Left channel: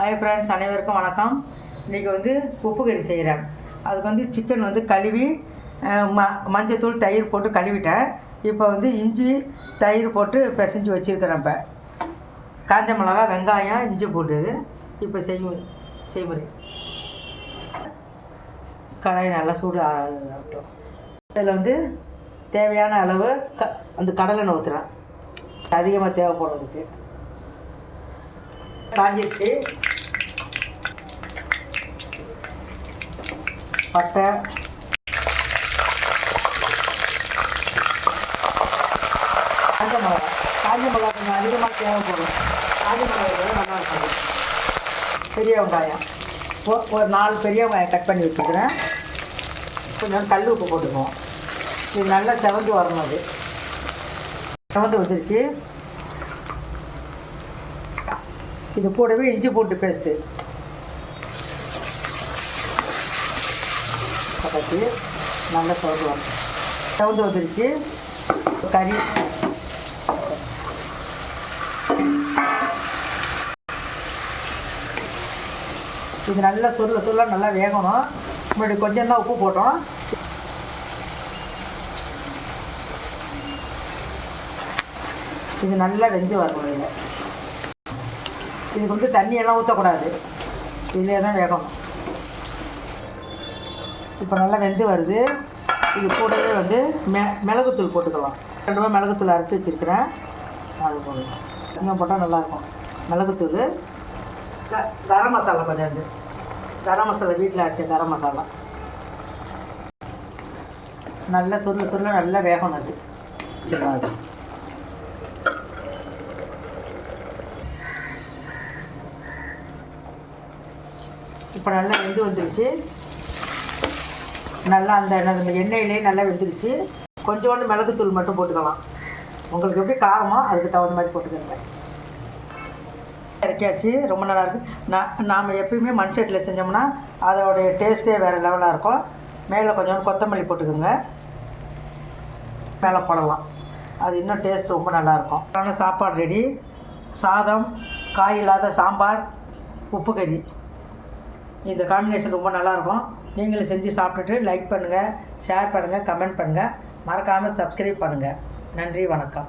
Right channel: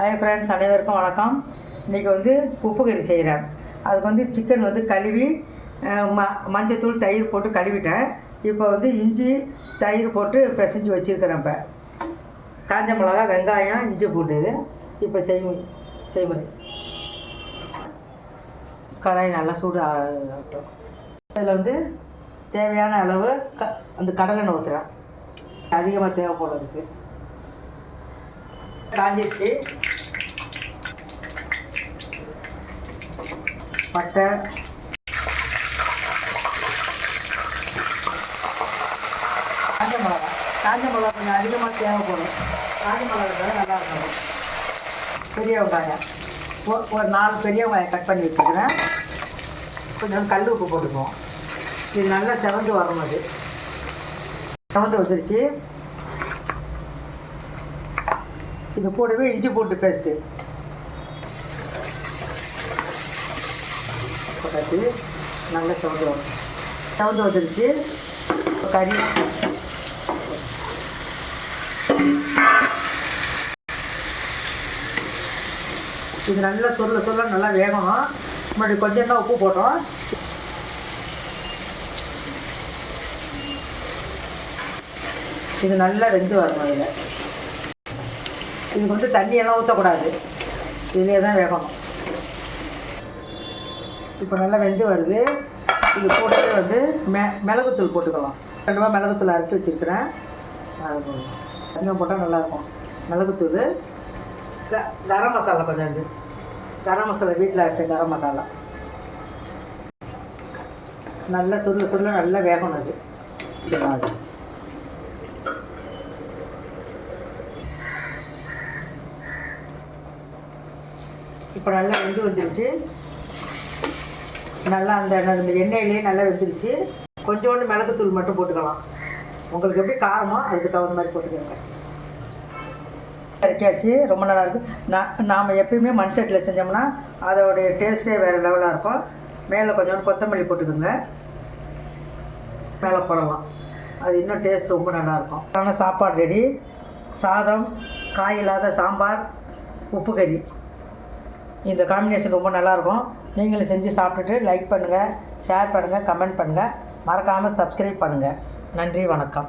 Hi friends, அனைவருக்கும் வணக்கம். இன்றைக்கி உப்பு கறி செய்கிறேன். அதுக்கு சிக்கன் கழுவி மஞ்சத்தூள் தயிர் போட்டு கழுவிட்டேன். இப்போ இஞ்சி தயிர் போட்டு பிசைஞ்சு வச்சுருக்கிறேன். இப்போ காஞ்ச மிளகா, வெங்காயம், இஞ்சி பூண்டு இது இப்போ செய்முறை. கடாய் நல்லா சூடு ஆகட்டும். இதில் தேவையான அளவு அந்த கடலெண்ணெய் ஊற்றுறேன். அதிகமாக தேவைப்படுறதுக்கு காஞ்சிருச்சு. பட்டை, காஞ்ச மிளகா கொஞ்சம் அதிகமாக தேவைப்படும். காஞ்ச மிளகா நல்லா இருக்கும். பெரிய வெங்காயம் ஒரு 4 பெரிய வெங்காயம் கட் பண்ணி வச்சுக்கிறேன். கொஞ்சம் கல் உப்பு போட்டுக்குவோம். இது நல்லா செவந்து வரணும். அது செவந்து வந்துருச்சு. இது கூடவே இஞ்சி பூண்டு பேஸ்ட்டு பட்டாச்சு. நல்லா செவந்து வந்துருச்சு. கறி இது நல்லா சொல்ல நல்லா வேகணும். முன்னாடி கொஞ்சம் தான் உப்பு போட்டோம். இது நல்லா வெந்து வரணும். இதுக்கு தண்ணியெல்லாம் ஊற்றக்கூடாது. இதிலே தான் வேகணும். இப்போ நல்லா வெந்து வருது. இது கூடவே மிளகுத்தூள் போட்டுக்கலாம். 2 மிளகுத்தூள் அரைச்சி வச்சுருக்கிறேன். அது போடலாம். கொஞ்சம் போட்டால் நல்லாயிருக்கும். மிளகுத்தூள், கரம் மசாலா கொஞ்சம் கரம் மசாலா வீட்டில் அரைச்ச கரம் மசாலா நல்லா சொல்ல நல்லா வேகணும். அது அது இப்போ நல்லா வெந்து வந்துருச்சு. நல்லா அந்த எண்ணெயிலே நல்லா வெந்துருச்சு. கொஞ்சோண்டு மிளகுத்தூள் மட்டும் போட்டுக்கலாம். உங்களுக்கு எப்படி காரமோ அதுக்கு தகுந்த மாதிரி போட்டுக்கோங்க. இறக்கியாச்சு. ரொம்ப நல்லாயிருக்கும். நாம் எப்பயுமே மண் சட்டியில் செஞ்சோம்னா அதோடைய டேஸ்ட்டே வேறு லெவலாக இருக்கும். மேலே கொஞ்சோண்டு கொத்தமல்லி போட்டுக்கோங்க. மேலே போடலாம். அது இன்னும் டேஸ்ட் ரொம்ப நல்லாயிருக்கும். ஆனால் சாப்பாடு ரெடி. சாதம், காய் இல்லாத சாம்பார், உப்பு கறி. இந்த காம்பினேஷன் ரொம்ப நல்லாயிருக்கும். நீங்களும் செஞ்சு சாப்பிட்டுட்டு லைக் பண்ணுங்கள், ஷேர் பண்ணுங்கள், கமெண்ட் பண்ணுங்கள். மறக்காமல் சப்ஸ்கிரைப் பண்ணுங்கள். நன்றி, வணக்கம்.